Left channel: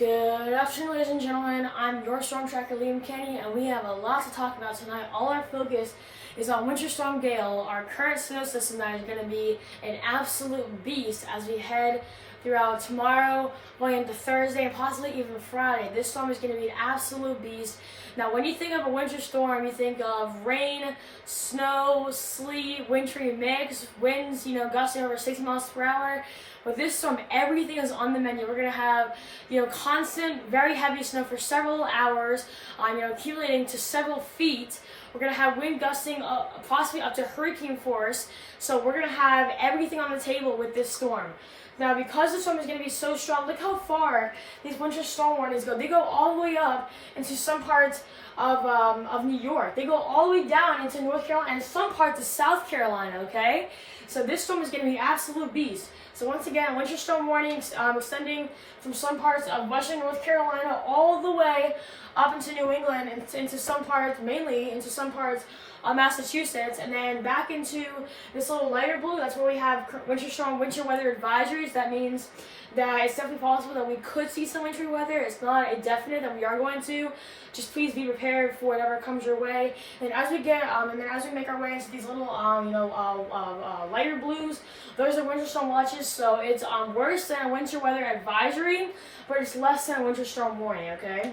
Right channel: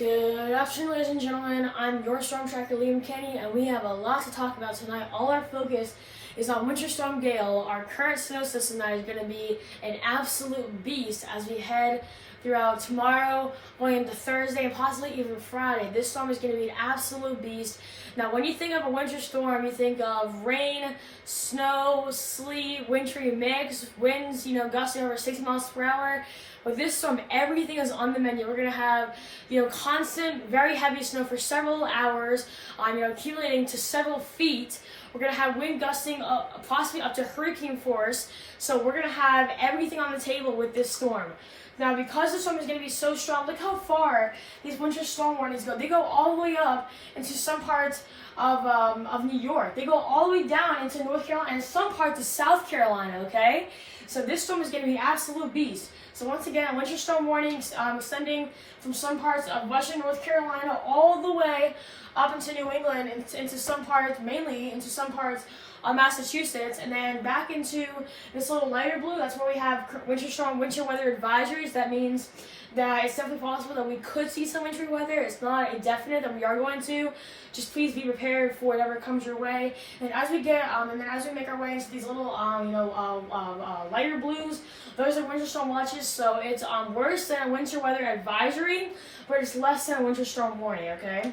Good afternoon, ladies and gentlemen. I'm your storm tracker, Liam Kenny, and we have a lot to talk about tonight. All our focus is on Winter Storm Gail, our current snow system that is going to be an absolute beast as we head throughout tomorrow, going into Thursday, and possibly even Friday. This storm is going to be an absolute beast. Now, when you think of a winter storm, you think of rain, snow, sleet, wintry mix, winds, gusting over 60 miles per hour. With this storm, everything is on the menu. We're going to have, constant, very heavy snow for several hours, accumulating to several feet. We're going to have wind gusting possibly up to hurricane force. So we're going to have everything on the table with this storm. Now, because the storm is going to be so strong, look how far these winter storm warnings go. They go all the way up into some parts of New York. They go all the way down into North Carolina and some parts of South Carolina, okay? So this storm is going to be an absolute beast. So once again, winter storm warnings extending from some parts of western North Carolina all the way up into New England, into some parts, mainly into some parts of Massachusetts, and then back into this little lighter blue. That's where we have winter storm, winter weather advisories. That means that it's definitely possible that we could see some wintry weather. It's not a definite that we are going to. Just please be prepared for whatever comes your way. And as we get, and then as we make our way into these little, lighter blues, those are winter storm watches. So it's worse than a winter weather advisory, but it's less than a winter storm warning. Okay.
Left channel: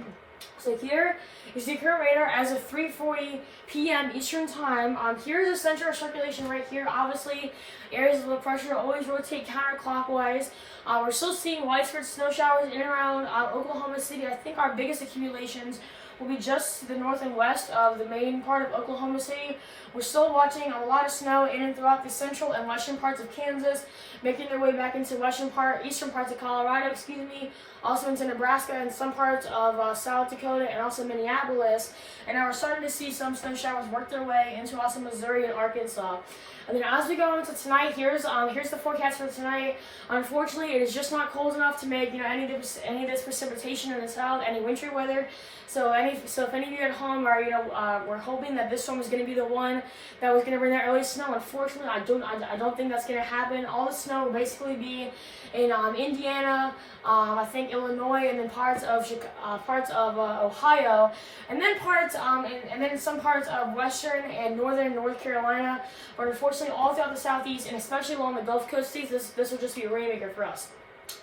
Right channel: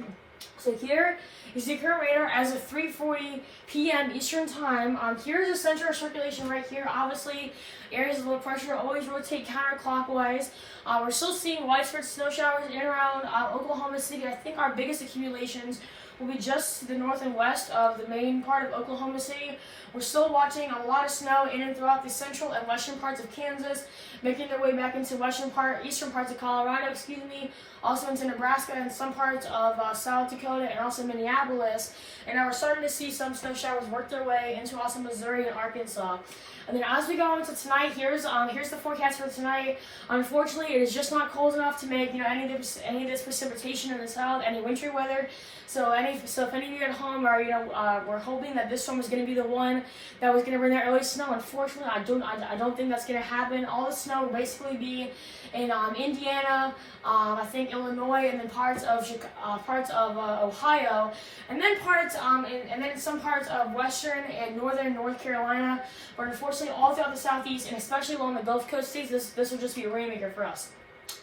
So here is the current radar as of 3:40 p.m. Eastern Time. Here's the center of circulation right here. Obviously, areas of low pressure always rotate counterclockwise. We're still seeing widespread snow showers in and around Oklahoma City. I think our biggest accumulations will be just to the north and west of the main part of Oklahoma City. We're still watching a lot of snow in and throughout the central and western parts of Kansas, making their way back into eastern parts of Colorado, also into Nebraska and some parts of South Dakota and also Minneapolis. And now we're starting to see some snow showers work their way into also Missouri and Arkansas. And then as we go into tonight, here's the forecast for tonight. Unfortunately, it is just not cold enough to make any of this precipitation in the south, any wintry weather. So if any of you at home are we're hoping that this storm is going to be the one that was going to bring that early snow. Unfortunately, I don't think that's going to happen. All the snow will basically be in Indiana, I think Illinois, and then parts of Ohio, and then and then some parts of western and northern North Carolina. But unfortunately, all throughout the southeast and especially along the Gulf Coast states, this will just be a rainmaker for us.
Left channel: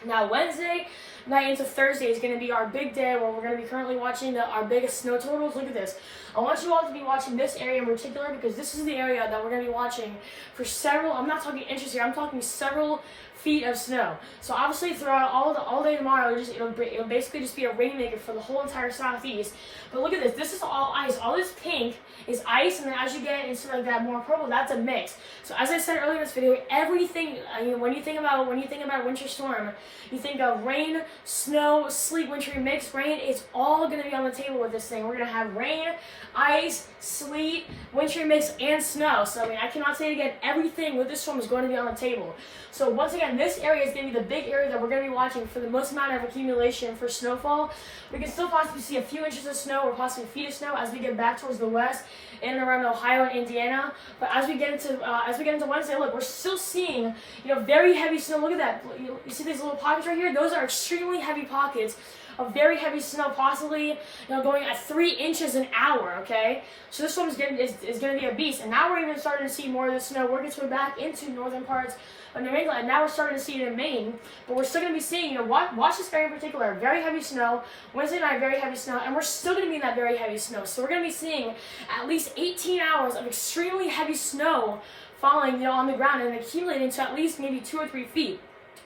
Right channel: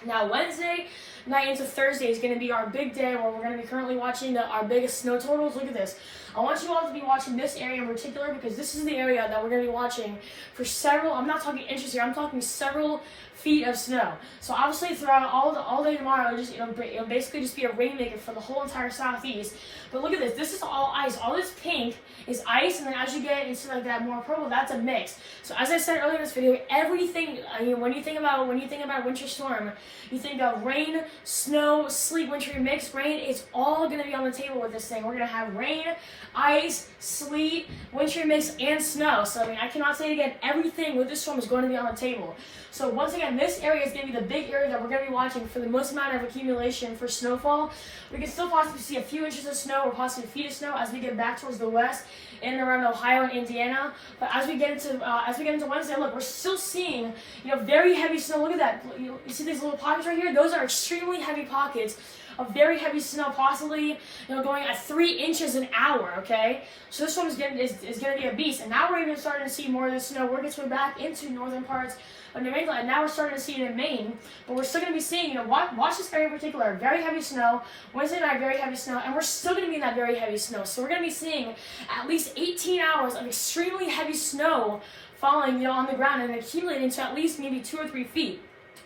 Now, Wednesday night into Thursday is going to be our big day where we're going to be currently watching our biggest snow totals. Look at this. I want you all to be watching this area in particular because this is the area that we're going to be watching for several, I'm not talking inches here, I'm talking several feet of snow. So obviously throughout all day tomorrow, it'll basically just be a rainmaker for the whole entire southeast. But look at this. This is all ice. All this pink is ice, and then as you get into like that more purple, that's a mix. So as I said earlier in this video, everything when you think about winter storm, you think of rain, snow, sleet, wintry mix. Rain is all going to be on the table with this thing. We're going to have rain, ice, sleet, wintry mix, and snow. So I cannot say it again. Everything with this storm is going to be on the table. So once again, this area is going to be the big area that we're going to be watching for the most amount of accumulation for snowfall. We can still possibly see a few inches of snow or possibly feet of snow as we get back towards the west and around Ohio and Indiana. But as we get into Wednesday, look, we're still seeing very heavy snow. Look at that. You see these little pockets right here? Those are extremely heavy pockets of very heavy snow, possibly going at 3 inches an hour. Okay, so this storm is going to be a beast. And now we're even starting to see more of the snow work its way back into northern parts of New England, and now we're starting to see it in Maine. But we're still going to be seeing, watch this area in particular, very heavy snow. Wednesday night, very heavy snow, and we're still going to be in that very heavy snow. So we're going to be seeing at least 18 hours of extremely heavy snow falling on the ground and accumulating to at least maybe 2 or 3 feet.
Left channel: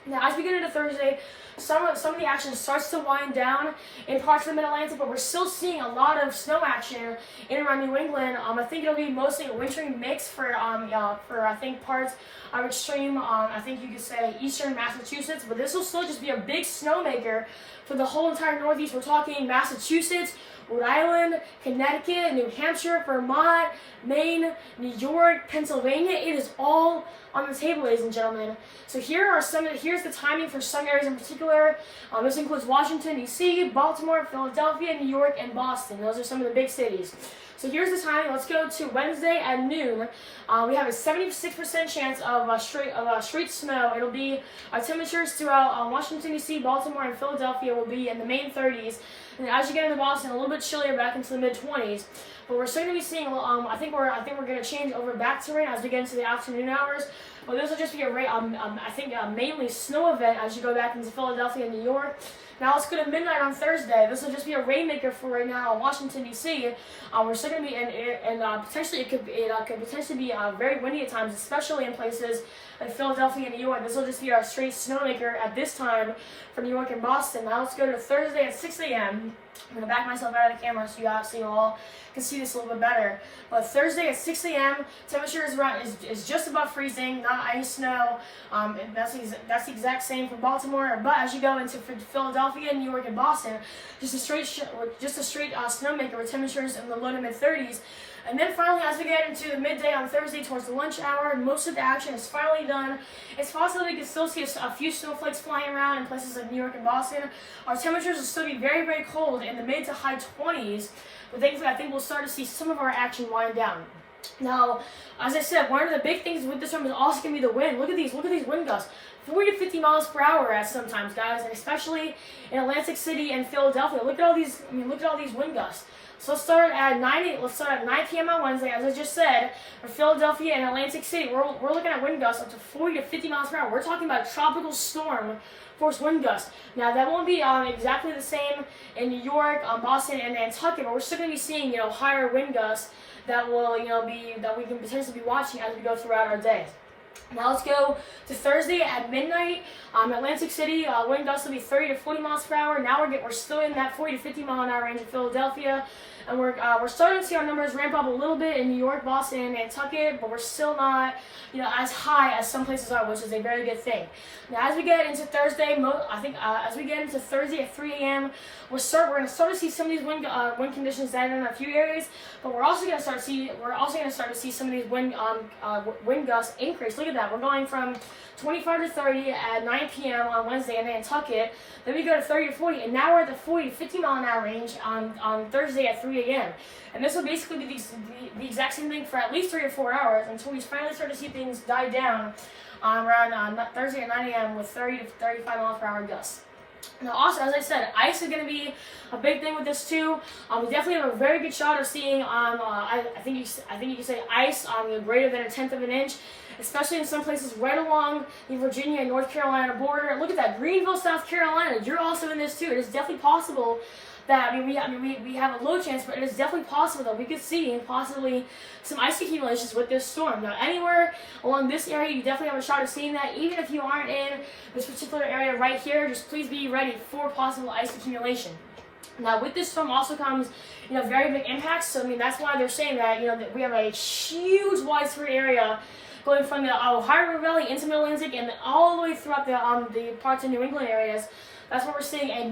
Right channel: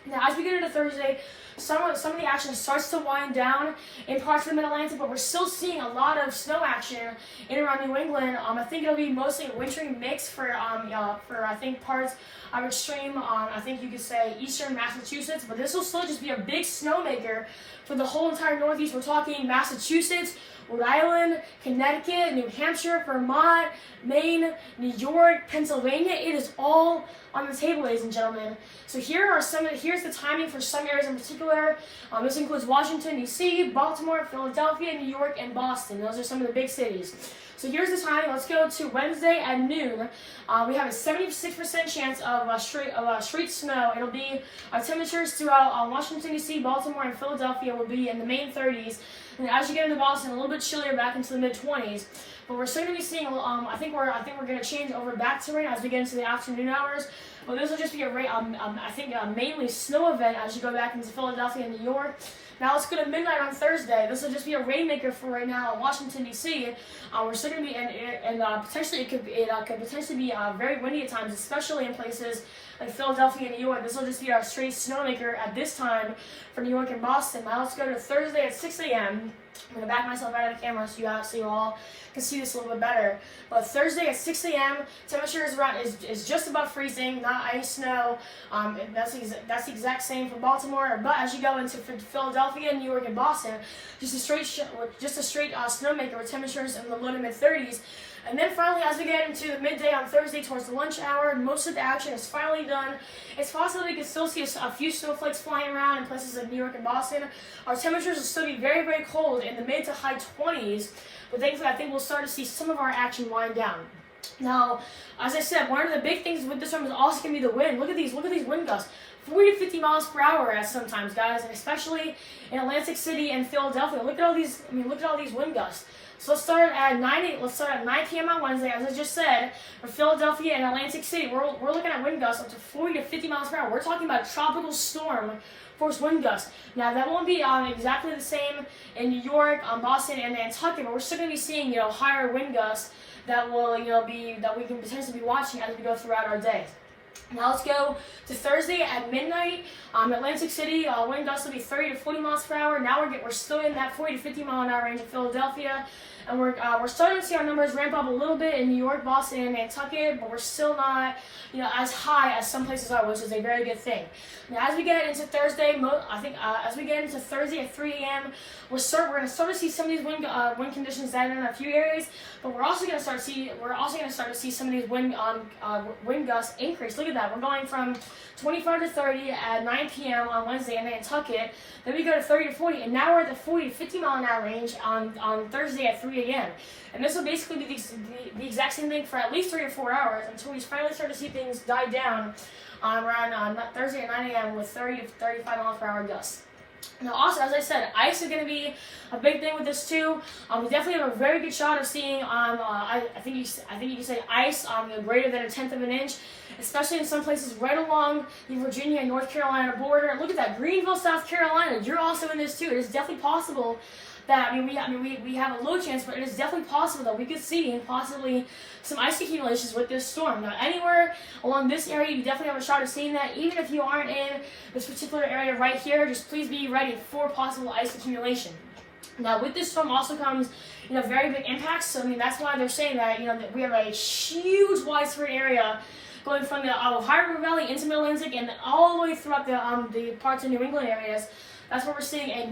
Now, as we get into Thursday, some of the action starts to wind down in parts of the Mid-Atlantic, but we're still seeing a lot of snow action in and around New England. I think it'll be mostly a wintry mix for I think parts of extreme, I think you could say eastern Massachusetts, but this will still just be a big snowmaker for the whole entire Northeast. We're talking Massachusetts, Rhode Island, Connecticut, New Hampshire, Vermont, Maine, New York, Pennsylvania. It is all on the table, ladies and gentlemen. So here's the timing for some areas in particular. This includes Washington, D.C., Baltimore, Philadelphia, New York, and Boston. Those are some of the big cities. So here's the timing. Let's go to Wednesday at noon. We have a 76% chance of straight snow. It'll be temperatures throughout Washington, D.C., Baltimore, and Philadelphia will be in the main 30s. And then as you get into Boston, a little bit chillier back into the mid 20s. But we're still going to be seeing. I think we're going to change over back to rain as we get into the afternoon hours. But this will just be a mainly snow event as you go back into Philadelphia and New York. Now let's go to midnight on Thursday. This will just be a rainmaker for right now in Washington, D.C. We're still going to be, and potentially it could potentially be very windy at times, especially in places like Philadelphia and New York. This will just be our straight snowmaker at this time for New York and Boston. Now let's go to Thursday at 6 a.m. I'm going to back myself out of the camera so you all can see this a little bit better. But Thursday at 6 a.m., temperature is just above freezing, not ice, snow. That's the exact same for Baltimore. But as you go into Philadelphia, New York, and Boston, just a straight snowmaker with temperatures in the low to mid 30s. And then finally, as we get into the midday on Thursday towards the lunch hour, most of the action is finally done. It's possible we can still see a few snowflakes flying around in places like New York and Boston. Our temperatures will still be very, very cold in the mid to high 20s, but thankfully I think we'll start to see some of our action wind down. Now, as I said, one of the big things with this storm is also going to be the wind. Look at these wind gusts. 40 to 50 miles per hour at sometimes, guys, and especially in Atlantic City and Philadelphia. Look at all these wind gusts. So let's start at 9 p.m. on Wednesday, as I just said, for Philadelphia and Atlantic City. We're looking at wind gusts up to 40 to 50 miles per hour. We're talking about a tropical storm force wind gusts. Now that won't be exactly the same in New York, Boston, and Nantucket, but we're still going to be seeing higher wind gusts that will that we can potentially be watching as we go throughout our day. Now let's go to Thursday at midnight. Atlantic City, wind gusts will be 30 to 40 miles per hour. Now we're still in that 40 to 50 mile an hour range in Philadelphia. And we're starting to see our numbers ramp up a little bit in New York, Boston, and Nantucket, but we're still not, as high as some places are, which is a very good thing. Now, as we get into Thursday, as we get into Thursday at 3 a.m., we're going to start to see some of these wind conditions down in a few areas, but we're also going to start to see some of these wind gusts increase. Look at that. We're going from 25 to 30 at 9 p.m. on Wednesday in Nantucket. Then we go to 30 to 40, and now we're at the 40 to 50 mile an hour range on Thursday at 3 a.m. And this will basically be the exact same thing for at least 3 to 4 hours until we finally start to see things die down around Thursday at 9 a.m. with 30 to 35 miles per hour gusts. Now, also, as I said, ice is going to be a big thing with this too. We definitely have a very good shot of seeing I think you can say ice greater than 1/10 of an inch, especially in some places right along the Virginia and North Carolina border. Look at that, Greenville, South Carolina. You're also in this too. It is definitely possible that we have a low chance, but it is definitely possible that we could see possibly some ice accumulations with this storm. Now, anywhere along this area, you definitely have a shot of seeing that. Even if you aren't in this particular area right here, just please be ready for possible ice accumulation. Now, with this storm also comes, very big impacts. So, that's why they're saying that, that we have a huge widespread area going from the Ohio River Valley into Mid-Atlantic and all the way throughout the parts of New England areas. That's where we're seeing a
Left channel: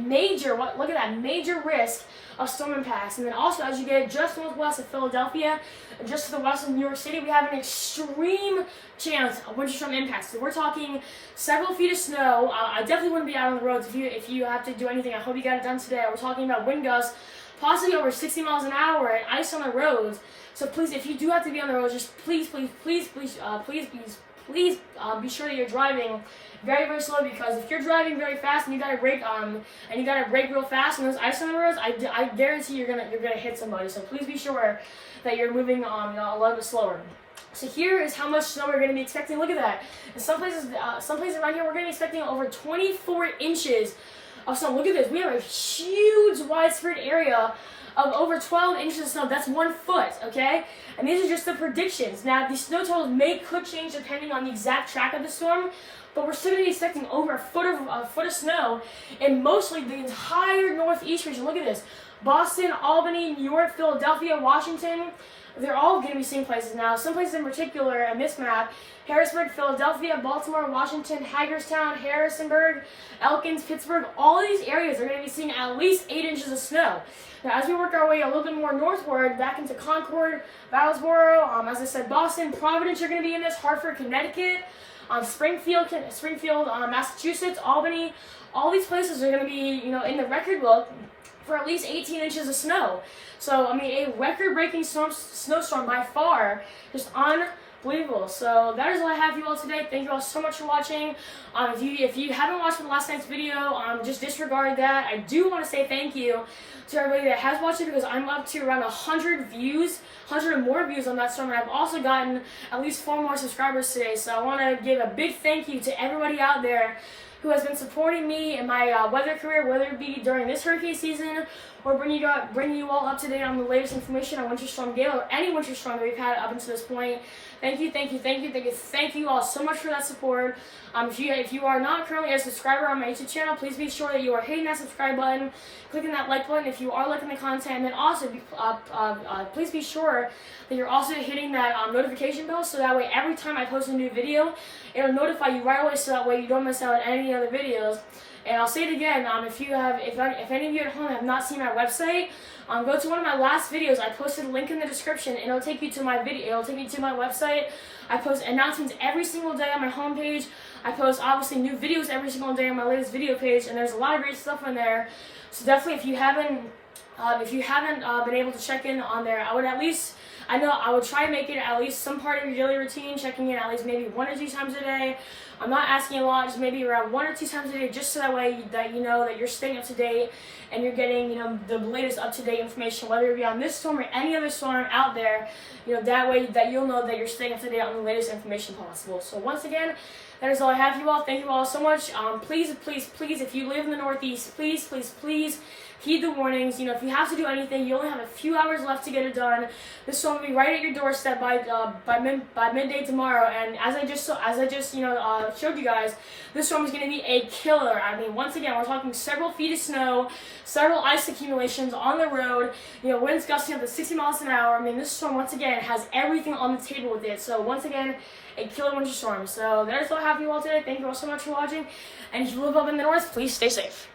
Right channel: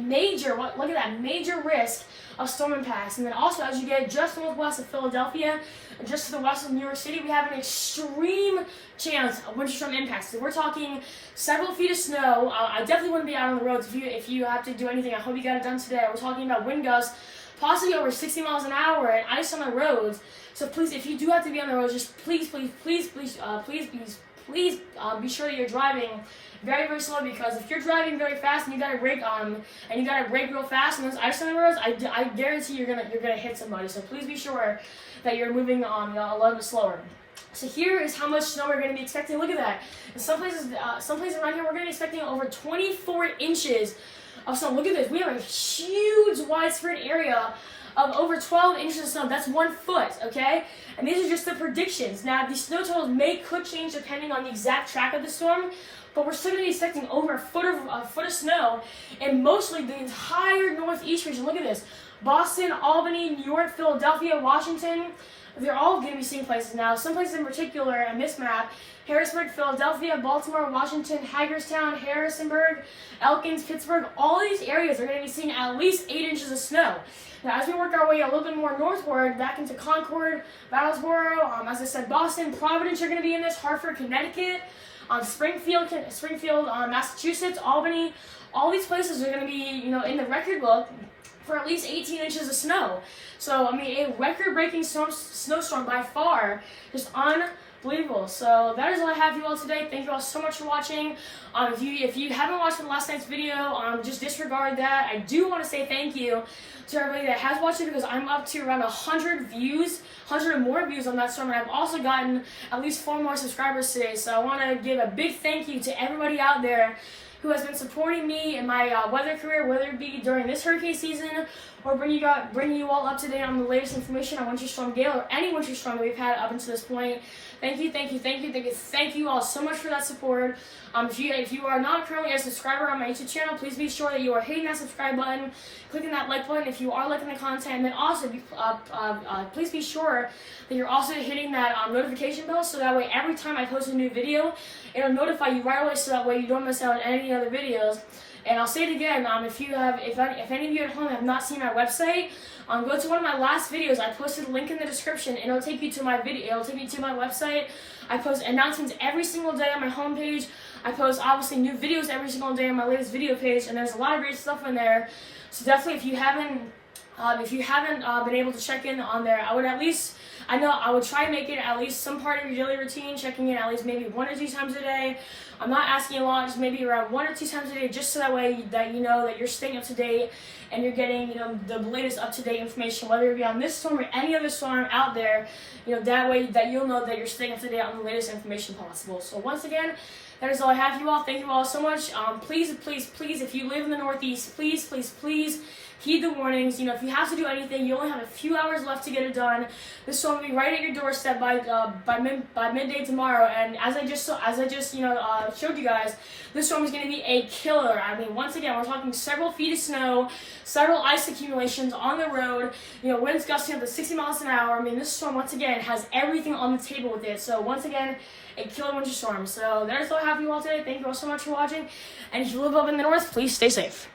look at that, major risk of storm impacts. And then also, as you get just northwest of Philadelphia, and just to the west of New York City, we have an extreme chance of winter storm impacts. So we're talking several feet of snow. I definitely wouldn't be out on the roads if you have to do anything. I hope you got it done today. We're talking about wind gusts possibly over 60 miles an hour and ice on the roads. So please, if you do have to be on the roads, just please be sure that you're driving very, very slow, because if you're driving very fast and you got to brake real fast and there's ice on the roads, I guarantee you're gonna hit somebody. So please be sure that you're moving a little bit slower. So here is how much snow we're going to be expecting. Look at that. In some places around here, we're going to be expecting over 24 inches of snow. Look at this. We have a huge widespread area of over 12 inches of snow. That's 1 foot, okay? And these are just the predictions. Now, the snow totals could change depending on the exact track of the storm, but we're still going to be expecting over a foot of snow in mostly the entire northeast region. Look at this. Boston, Albany, New York, Philadelphia, Washington, they're all going to be seeing places now. Some places in particular in this map: Harrisburg, Philadelphia, Baltimore, Washington, Hagerstown, Harrisonburg, Elkins, Pittsburgh. All these areas are going to be seeing at least 8 inches of snow. Now, as we work our way a little bit more northward, back into Concord, Battlesboro, as I said, Boston, Providence are going to be in this, Hartford, Connecticut, Springfield, Massachusetts, Albany. All these places are going to be, in the record book for at least 18 inches of snow. So, I mean, a record-breaking snowstorm by far, just unbelievable. So that is all I have for you all today. Thank you all so much for watching. If you haven't watched last night's video, just disregard that. I do want to say thank you to everybody that has watched it, because I'm up to around 100 views, 100 or more views on that storm, and I've also gotten at least 4 more subscribers today. So I want to give a big thank you to everybody out there who has been supporting me in my weather career, whether it be during this hurricane season or bringing you all up to date on the latest information on Winter Storm Gail or any winter storm that we've had up until this point. Thank you all so much for that support. If you are not currently a subscriber on my YouTube channel, please be sure that you are hitting that subscribe button, clicking that like button if you are liking the content, and then also please be sure that you're also hitting that notification bell, so that way every time I post a new video, it'll notify you right away, so that way you don't miss out on any other videos. And I'll say it again, if any of you at home have not seen my website, go to one of my last videos. I posted a link in the description, and it'll take you to my video. It'll take you to my website. I post announcements every single day on my homepage. I post obviously new videos every single day on my latest video page, and there's a lot of great stuff in there. So definitely, if you haven't been able to check in on there, I would try to make it at least some part of your daily routine, checking in at least maybe 1 or 2 times a day. I'm not asking a lot, just maybe around 1 or 2 times a day, just so that way that you know that you're staying up to date and you're getting, the latest up-to-date information, whether it be on this storm or any other storm out there. That way that you'll know that you're staying up to date on the latest information possible. So once again, that is all I have for you all. Thank you all so much. Please, if you live in the Northeast, please heed the warnings. If you have to do anything, you only have a few hours left to get it done. This storm will be right at your doorstep by midday tomorrow. And as I just showed you guys, this storm is going to be a killer. I mean, once again, we're talking several feet of snow, several ice accumulations on the road. Winds gusting up to 60 miles an hour. I mean, this storm once again has everything on the table with it. So once again, a killer winter storm. So that's all I have for you all today. Thank you all so much for watching. And if you live up in the north, please stay safe.